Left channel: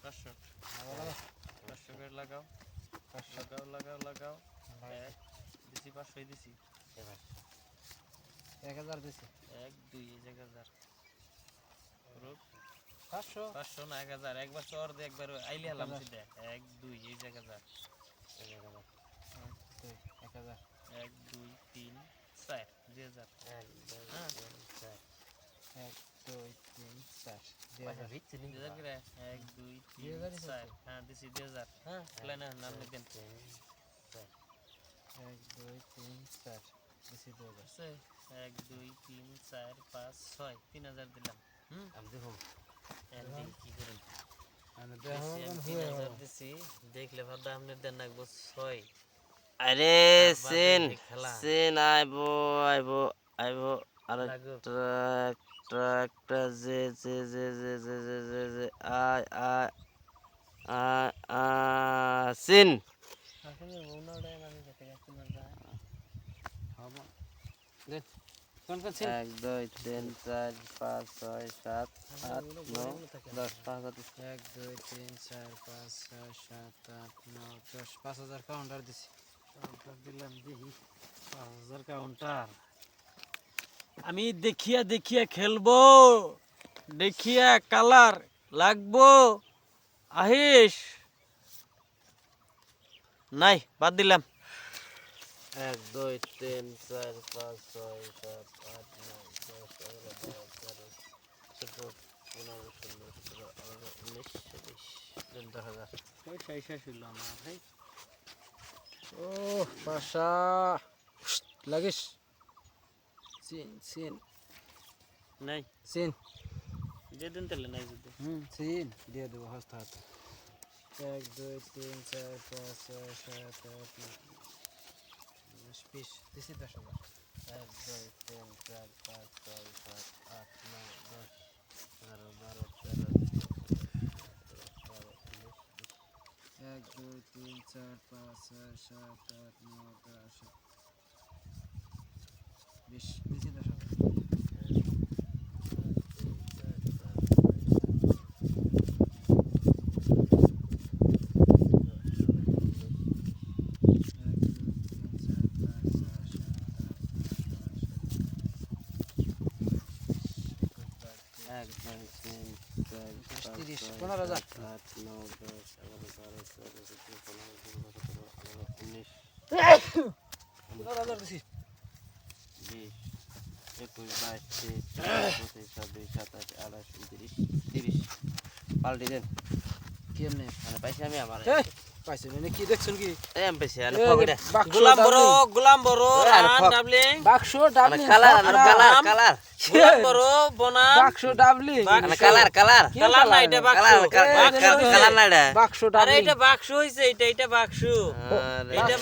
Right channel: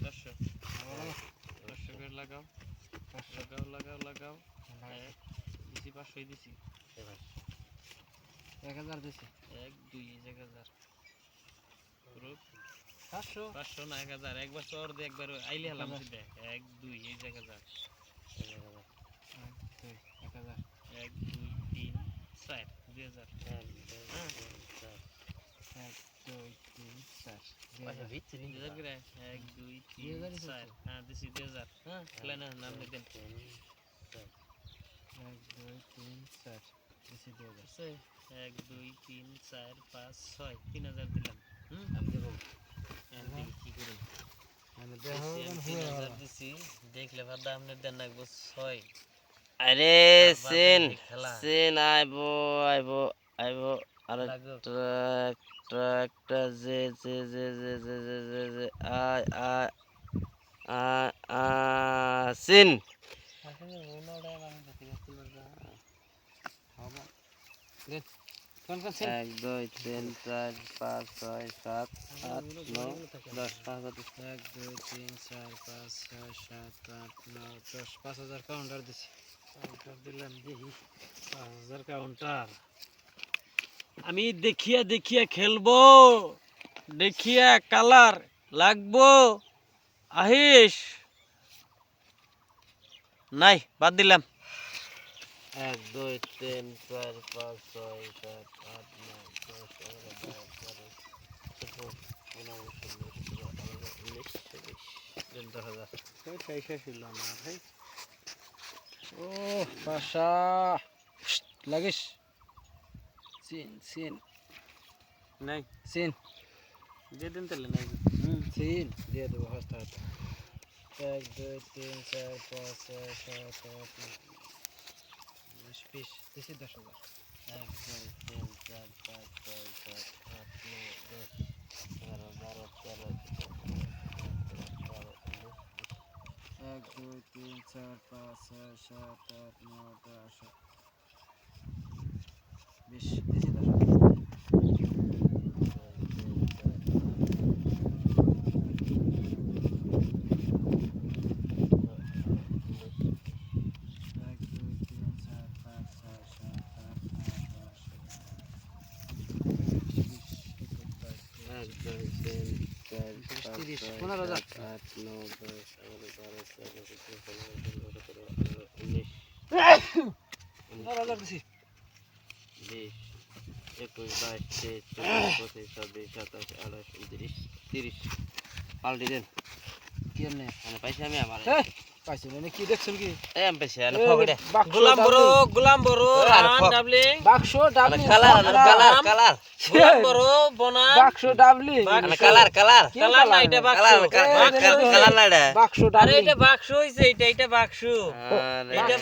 500 500 করে লাগাও লাগাও লাগাও লাগাও দিছি 500 দিছি 1000 দিছি 1 2 1000 পুরো 500 500 না 1000 একবার চর দে একবার আইলে হলাম সিধা 1 2 1000 1000 1 2 3 4 2000 1 2 3 4 2000 করে 1 2 3 4 হ্যাঁ দিছি 2000 হ্যাঁ প্ল্যান নাম দেন 1 2 3 4 দিছি 2000 আছে 1 2 3 4 5 6 3000 দিলাম আমি দেব এন্ডিং কি করুন আমি দেখো 3000 দিছি দেখলে ভাববা আপনি দেন লাগবো 6 আরে সিন সিন আইবো আইবো আইবো আরে ট্রাক ট্রাকটা যে যে যে যে যে যে যে যে আয় আয় আয় সিন আসলে মনোড়ায় আমি কাছে গাছতে পারবা হবে রে কোন কোন সিন 1 2 3 4 5 6 7 8 9 10 5000 1 2 3 4 5 6 7 8 9 10 5000 কাউন্টার দিছি কাউন্টার দিলাম দেখি 5000 কাউন্টার আমি দেখিয়া দেখিয়া খেলবো দেখিয়া কালার লাগবো আহিস নাই বাদ দিলাম 1 2 3 4 5 6 7 8 9 10 11 12 13 14 15 16 17 18 19 20 ওই শেষ হইল আমার ভাই ও পাশা লাগিস সিন সিন নাই সিন যে দিন তাহলে নাই সিন দিয়ে দেবো হাত হাত 1 2 3 4 5 6 7 8 9 20 দিছি 10000 1 2 3 4 5 6 7 8 9 10 11 12 13 1 2 3 4 5 6 7 8 9 10 20 দিছি 10000 পাল্টি দেন কেমনে মানে পাইছি আমি আমার পাইছে মানে কি দেখছেন কি এম পাইছি আরে ফগড়া গোলাম বড় ডাবলিং বাক্স ডাবলি কালার কালার কালার গোলাম বড় বনা বাক্স ডাবলি কালার কালার কালার না এটা বাক্স কালার না এটা বাক্স আরে ডাবলি এটা বাক্স হইছে এটা বাক্স আরে এটা